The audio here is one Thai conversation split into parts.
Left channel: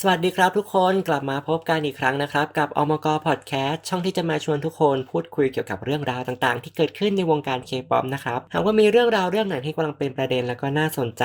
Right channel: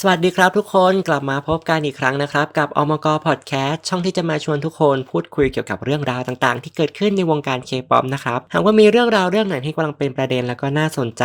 สวัสดีครับทุกคนกลับมาพบกันอีกครั้งนะครับ กับอมกพอดแคสต์ช่องที่จะมาชวนทุกคนพูดคุยเกี่ยวกับเรื่องราวต่างๆ ที่เกิดขึ้นในวงการเคป๊อปนะครับหากว่ามีเรื่องราวเรื่องไหนที่กำลังเป็นประเด็นแล้วก็น่าสนใจ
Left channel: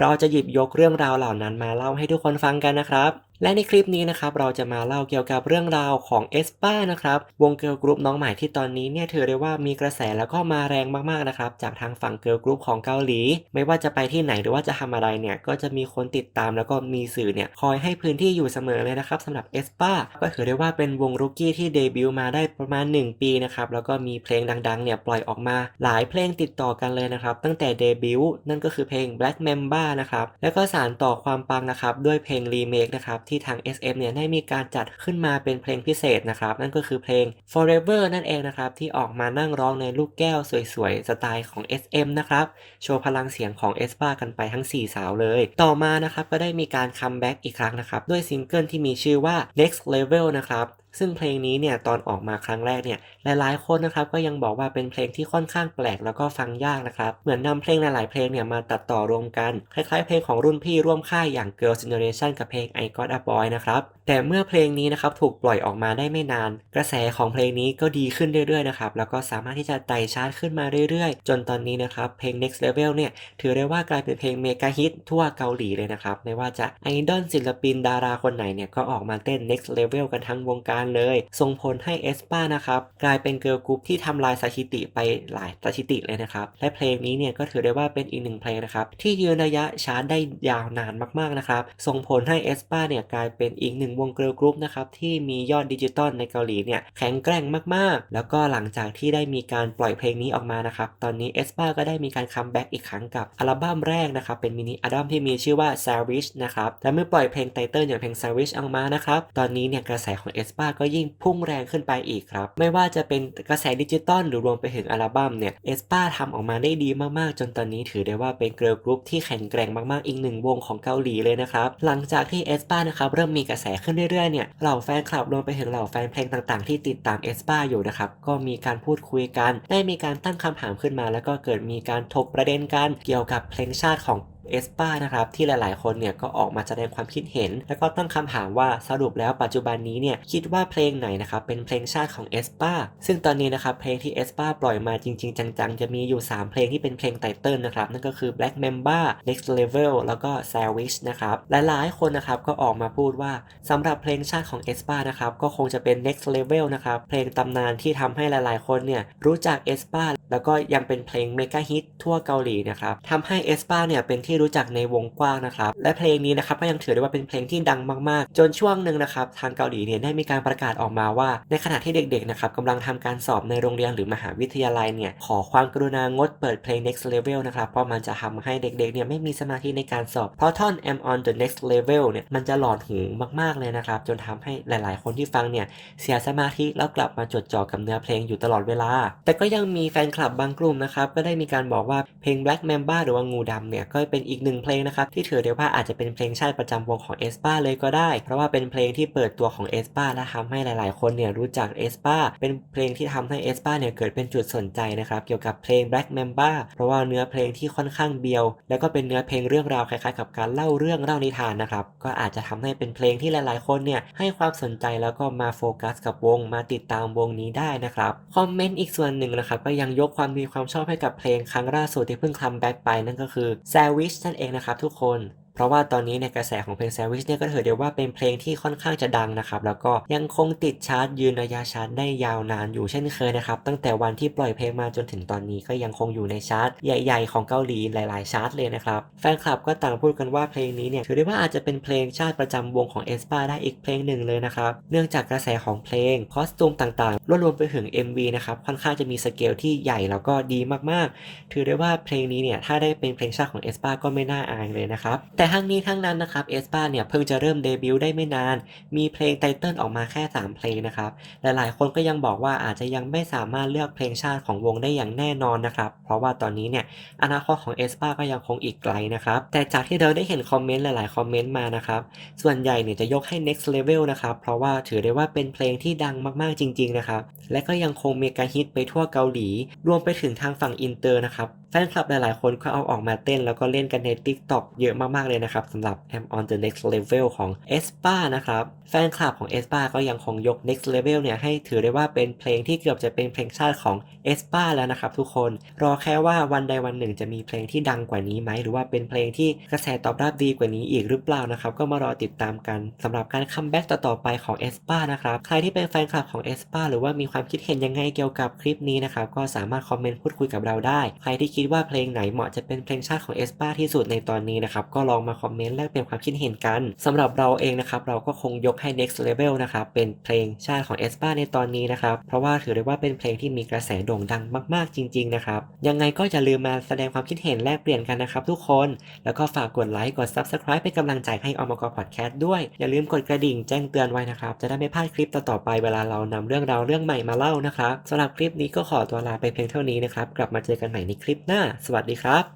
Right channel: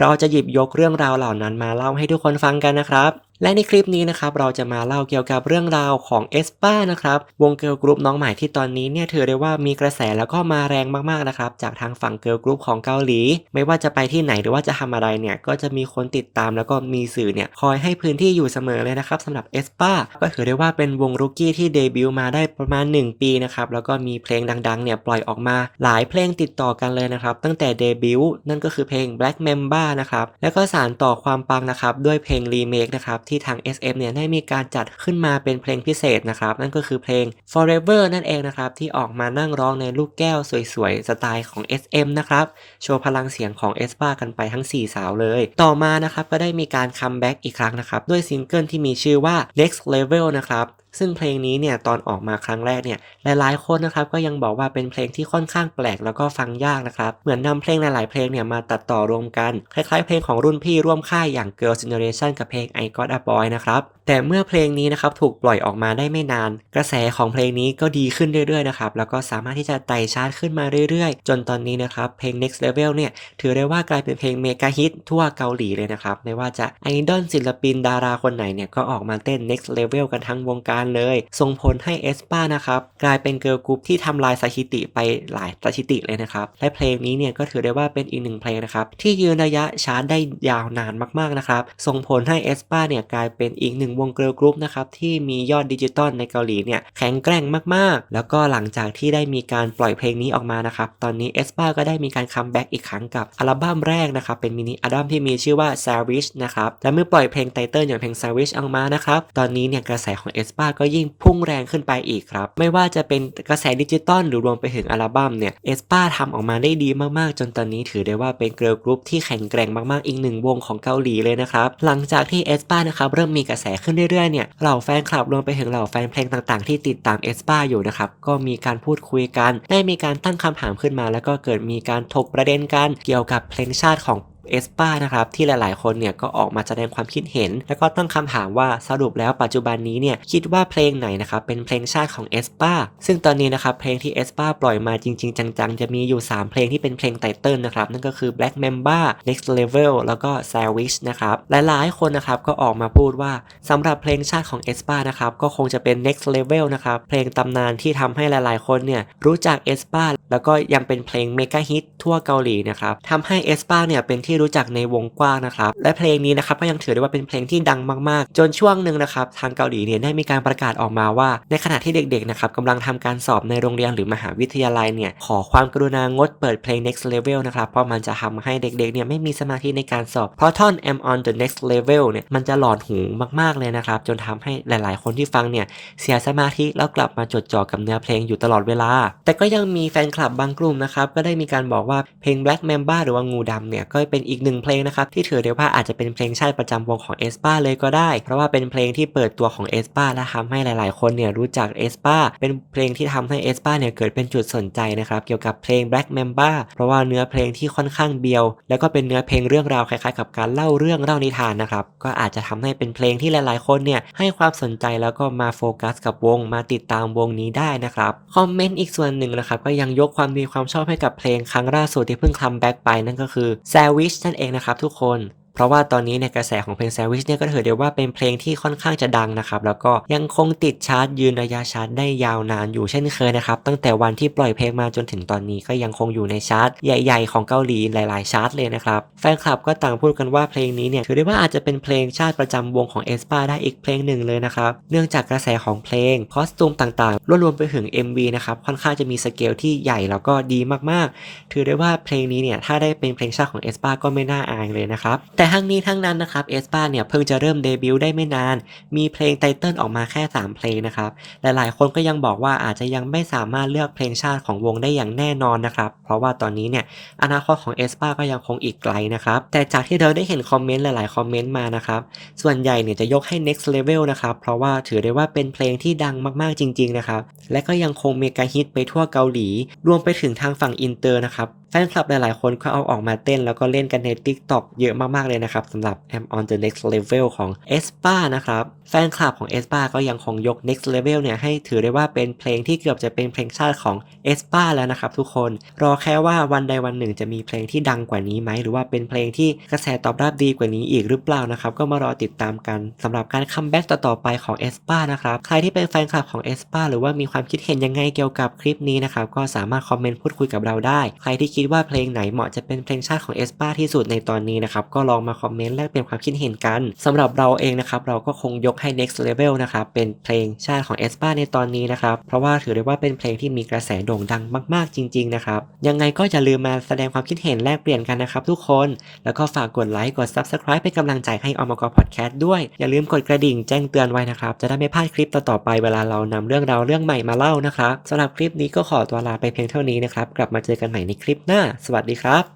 เราจะหยิบยกเรื่องราวเหล่านั้นมาเล่าให้ทุกคนฟังกันนะครับและในคลิปนี้นะครับเราจะมาเล่าเกี่ยวกับเรื่องราวของเอสป้านะครับวงเกิร์ลกรุ๊ปน้องใหม่ที่ตอนนี้เนี่ยถือได้ว่ามีกระแสแล้วก็มาแรงมากๆนะครับจากทางฝั่งเกิร์ลกรุ๊ปของเกาหลี ไม่ว่าจะไปที่ไหนหรือว่าจะทำอะไรเนี่ยก็จะมีคนติดตามแล้วก็มีสื่อเนี่ยคอยให้พื้นที่อยู่เสมอเลยนะครับสำหรับเอสป้าก็ถือได้ว่าเป็นวงรุกกี้ที่เดบิวต์มาได้ประมาณ 1 ปีนะครับแล้วก็มีเพลงดังๆเนี่ยปล่อยออกมาหลายเพลงติดต่อกันเลยนะครับตั้งแต่เดบิวต์นั่นก็คือเพลง Black Mamba นะครับแล้วก็สานต่อความปังนะครับด้วยเพลงรีเมคนะครับที่ทาง SM เนี่ยได้มีการจัดขึ้นมาเป็นเพลงพิเศษนะครับ นั่นก็คือเพลง Forever นั่นเองนะครับ ที่ออกมานั่งร้องในลูกแก้วสวยๆ สไตล์ของ SM นะครับ โชว์พลังเสียงของ e s p a กันไปทั้ง 4 สาวเลย ต่อมานะครับก็ได้มีการคัมแบ็กอีกครั้งนะครับ ด้วยซิงเกิลที่มีชื่อว่า Next Level นะครับ ซึ่งเพลงนี้เนี่ยตอนออกมาครั้งแรกเนี่ยหลายๆคนนะครับก็ยังบอกว่าเป็นเพลงที่ค่อนข้างแปลกแล้วก็ฟังยากนะครับ เหมือนนำเพลงหลายๆเพลงเนี่ยมาตัดต่อรวมกัน คล้ายๆเพลงของรุ่นพี่ร่วมค่ายอย่าง Girls' Generation กับเพลง I Got a Boy นะครับ แต่เมื่อเพลงนี้นะครับถูกปล่อยออกมาได้ไม่นาน กระแสของเพลงนี้ก็ดีขึ้นเรื่อยๆนะครับแล้วก็สามารถที่จะไต่ชาร์ตขึ้นมาเรื่อยๆ จนตอนนี้นะครับเพลง Next Level เนี่ยถือได้ว่ากลายเป็นเพลงเมกะฮิตทั่วเกาหลีเลยนะครับไม่ว่าจะไอดอลศิลปินดาราคนไหนเนี่ยก็ออกมาเต้น Next Level กันทั้งวงการเลย ส่งผลให้เอสปานะครับกลายเป็นเกิร์ลกรุ๊ปที่ทำลายสถิติไปหลายสถิติเลยนะครับและเพลงนี้เนี่ยก็ถือได้ว่าเป็นอีกหนึ่งเพลงนะครับที่ยืนระยะชาร์ตได้ยาวนานมากๆนะครับส่งผลให้เอสปาเนี่ยกลายเป็นอีกหนึ่งวงเกิร์ลกรุ๊ปนะครับที่มียอดดิจิตอลในเกาหลีเนี่ยแข็งแกร่งมากๆ แล้วก็หลังจากที่ได้มีการปล่อยเพลงนี้ออกมานะครับตอนนี้เอสปาก็ได้มีการคัมแบ็กอีกครั้งกับอัลบั้มแรกนะครับเป็นมินิอัลบั้มที่มีชื่อว่า Savage นะครับและเมื่อปล่อยเพลงไตเติลอย่างเพลง Savage ออกมานะครับตอนนี้เนี่ยกระแสของเอสปาก็ยิ่งพุ่งแรงขึ้นไปอีกครับ ไม่ว่าจะเป็นกระแสดิจิตอลหรือรวมไปถึงอัลบั้มเนี่ยเอสปาทำออกมาได้ดีมากๆ จนตอนนี้ถือได้ว่าเป็นเกิร์ลกรุ๊ปที่แข็งแกร่งมากๆ อีกหนึ่งวงของเกาหลีเลยนะครับหลังจากที่เอสปานะครับเริ่มมีกระแสขึ้นเรื่อยๆเนี่ยเหล่าแฟนคลับรวมไปถึงเหล่าแฟนเพลงต่างๆ ที่ติดตามเอสปาอยู่นะครับก็มีการพูดคุยกัน ได้มีการตั้งคำถามขึ้นมา แล้วก็เกิดมีการถกประเด็นกันเกี่ยวกับเพลงชาติของ เอสปานะครับที่หลายๆ คนเนี่ยก็ออกมาแสดงความคิดเห็น แล้วก็ตั้งคำถามว่าสรุปแล้วปัจจุบันนี้เนี่ยคิดว่าเพลงไหนนะครับเป็นเพลงชาติของเอสปาซึ่งตอนนี้นะครับเพลงที่เอสปาปล่อยมาจริง ๆ จัง ๆ จะมีอยู่ 3 เพลงที่เป็นเพลงไตเติลนะครับนั่นก็คือ Black Mamba Next Level แล้วก็ Savage นะครับหลายๆ คนนะครับก็ออกมาพูดว่าสำหรับเพลงชาติของเอสปานะครับก็คงจะเป็น Next Level นะครับเพลงตำนานที่ทำให้หลายๆ คนเนี่ยรู้จักเอสปาแล้วก็ยังเป็นเพลงเมกะฮิตทั่วเกาหลีนะครับทำให้เอสปาเนี่ยเป็นที่รู้จักในวงกว้างนะครับ และเพลงนี้นะครับก็ยังถือได้ว่าเป็นเพลงที่ดังมากๆ จนช่วงหนึ่งนะครับทางเกาหลีเนี่ยได้มีการประกาศออกมาว่า ในขณะที่เด็กๆนะครับกำลังทำการสอบในโรงเรียนหรือมหาวิทยาลัยเนี่ยขอความกรุณางดเปิดเพลง next level นะครับเพราะมันจะทำให้เด็กๆเนี่ยไม่มีสมาธิในการสอบ เพราะท่อน am on the next level เนี่ยมันจะหลอนหูมากๆเลยนะครับจนทำให้หลาย ๆ คนที่ฟังเนี่ยเสียสมาธิแล้วกลับมาจดจ่อกับเนื้อเพลงอยู่ตลอดเวลา แต่ก็ยังมีแฟนคลับบางกลุ่มนะครับก็ได้มีการบอกว่าเพลง Black Mamba หรือว่างูดำเนี่ยก็เป็นอีกหนึ่งเพลงนะครับที่ถือได้ว่าอาจจะเป็นเพลงชาติประจำวงของเอสปาเลยก็ได้ เพราะว่าเป็นเพลงที่เปิดตัวของเอสปาและทำให้หลาย ๆ คนเนี่ยรู้จักเอสปาเป็นเพลงที่ทำให้เอสปาเนี่ยเกิดเป็นจุดสนใจนะครับเกี่ยวกับเพลง Black Mamba เพราะว่าเนื้อเพลงที่ค่อนข้างเบียว แล้วก็เป็นเนื้อเพลงเรื่องราวคล้าย ๆ กับการเล่าเรื่องเล่านิทานนะครับก็อาจจะทำให้เป็นเพลงที่หลาย ๆ คนเนี่ยให้ความสนใจแล้วก็มาโฟกัสกับวงมาติดตามวงนี้ได้นะครับคอมเมนต์อีกส่วนหนึ่งนะครับก็ยังยกความดีความชอบให้กับเพลงครั้งล่าสุดที่เพิ่งคัมแบ็กไปนั่นก็คือ Savage นั่นเองนะครับทุกคน เพราะว่าตอนนี้ในกระแสของเพลง Savage เนี่ยก็ถือได้ว่าเป็นเพลงที่ค่อนข้างจะดังนะครับ แล้วก็ยังคงติดชาร์ตยืนระยะชาร์ตได้ยาวนานอยู่เช่นเคยนะครับ ตั้งแต่วันที่ปล่อยเพลงมาจนถึงตอนนี้ก็ยังคงอยู่ในชาร์ตใหญ่ ๆ ของเกาหลีหลาย ๆ ชาร์ตเลยนะครับ แฟนคลับก็ต่างพูดกันว่าเพลงนี้เนี่ยถือได้ว่าอาจจะเป็นเพลงชาติประจำวงของเอสปาได้อีกเพลงหนึ่งเลยนะครับ เนื่องจากกระแสของเพลงคอสตูมต่างๆรวมไปถึง MV นะครับค่อนข้างจะมีสเกลที่ใหญ่แล้วก็ดีมากๆ ถือได้ว่าเพลงนี้เนี่ยถ้าได้เป็นเพลงชาติของเอสปาก็ไม่น่าอายเลยนะครับแต่ทั้งนี้ทั้งนั้นนะครับเอสปาเนี่ยเพิ่งจะเริ่มเดบิวต์ได้ไม่นาน มีเพลงไตเติลออกมาแค่ 3 เพลงนะครับหลายๆ คนก็ยังบอกว่าอาจจะยังไม่สามารถเลือกเพลงชาติของวงได้อย่างแน่นอนนะครับ เพราะว่าตอนนี้เนี่ยอนาคตของเอสปาก็ยังคงอีกไกลนะครับ แต่จากที่เราได้เห็นคอมเมนต์หลายๆ คอมเมนต์มานะครับ ส่วนใหญ่เนี่ยจะยกให้ next level นะครับ เพราะว่าถือได้ว่าเป็นเพลงที่ดังมากๆจริง ๆ นะครับ และก็ยังคงเมกะฮิตไปทั่วเกาหลี รวมไปถึงทางฝั่งอินเตอร์นะครับ ฟนคลับหลายๆ คนก็เอาออกมาเต้นแล้วก็เล่นกันใน TikTok เยอะมาก ๆ เลยนะครับสำหรับ Am on the next level ของ e s p a นะครับ แฟนคลับของ e s p a ก็ยังคงยก next level เนี่ยให้ถือได้ว่าเป็นเพลงที่เกือบจะเป็นเพลงชาติของ e s p a แล้วนะครับทุกคน รอแค่ว่าวันใดวันหนึ่งจะมีเพลงที่ดังกว่านี้ไหม หรือว่าเป็นเพลงที่กระแสตอบรับดีกว่านี้อีกหรือเปล่านะครับ ก็มารอติดตามกันสำหรับการคัมแบ็กต่อๆไปของ e s p a นะครับใครที่เป็นแฟนคลับของ e s p a หรือว่ามีความคิดเห็นยังไงเกี่ยวกับคลิปนี้นะครับก็สามารถคอมเมนต์พูดคุยกับเราได้ ใครที่คิดว่าเพลงไหนเหมาะจะเป็นเพลงชาติของ aespa ที่สุดในตอนนี้นะครับ ก็ลองมาคอมเมนต์แลกเปลี่ยนความคิดเห็นกันสำหรับเราเองนะครับ เราก็คงยกให้ next level นะครับ เป็นเพลงชาติของ aespa ในตอนนี้นะครับ เพราะว่าถือได้ว่าเป็นเพลงที่มีกระแสโด่งดังมากๆจริง ๆ นะครับ ยังไงก็อย่าลืมมาแสดงความคิดเห็นแลกเปลี่ยนกันนะครับทุกคน แล้วก็ฝากกดไลค์กด Subscribe เป็นกำลังใจให้อมกพอดแคสต์ด้วย อย่าลืมกดกระดิ่งแจ้งเตือนไว้นะครับ จะได้ไม่พลาดคลิปต่อๆไปเวลาเรานำเรื่องราวเรื่องใหม่มาเล่านะครับสำหรับคลิปนี้ก็ขอตัวลาไปเพียงเท่านี้นะครับ กลับมาเจอกันใหม่ในคลิปหน้า สวัสดีครับ